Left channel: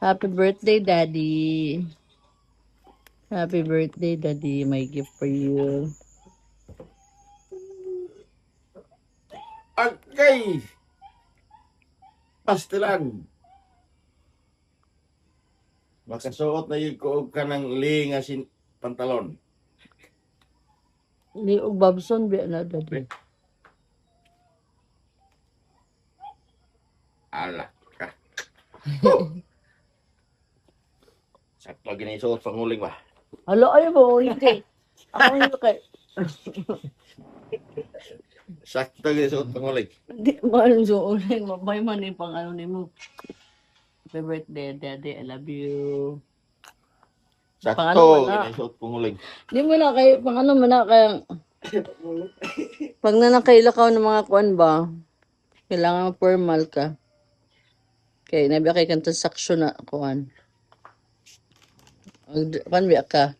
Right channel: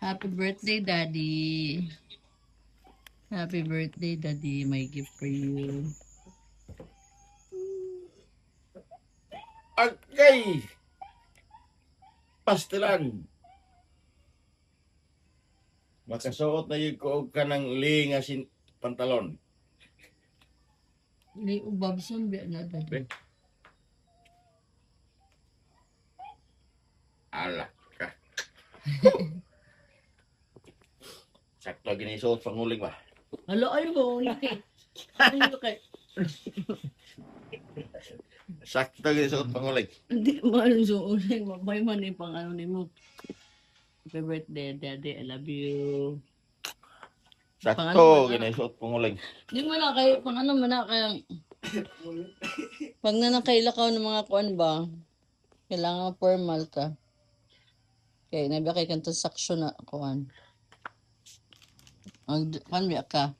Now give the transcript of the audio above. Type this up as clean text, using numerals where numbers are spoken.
Happy birthday, Daddy. Happy birthday, Daddy. My gift for you. Okay. Pastilan. Makasuot na yung kuog ka ng lingasin pantalon. Liog Babson, biya na, Daddy. Ala ka. Sakto ginisuot panguling ba? Alo, ayaw mo, hindi. Ako hindi kay... Sakto ginisuot panguling. Hindi, man, so, ulit, mabay man yung pang ano ni mo. Happy birthday, Daddy. I love you. Sakto ginisuot panguling. Hindi mo na kayo, pang ano mo na kaya... Pag nanakailakaw ng mga kuan ba, kailangan formal ka. Okay, nabi kay kang transaksyon na kuan. Ang kuan biya ka.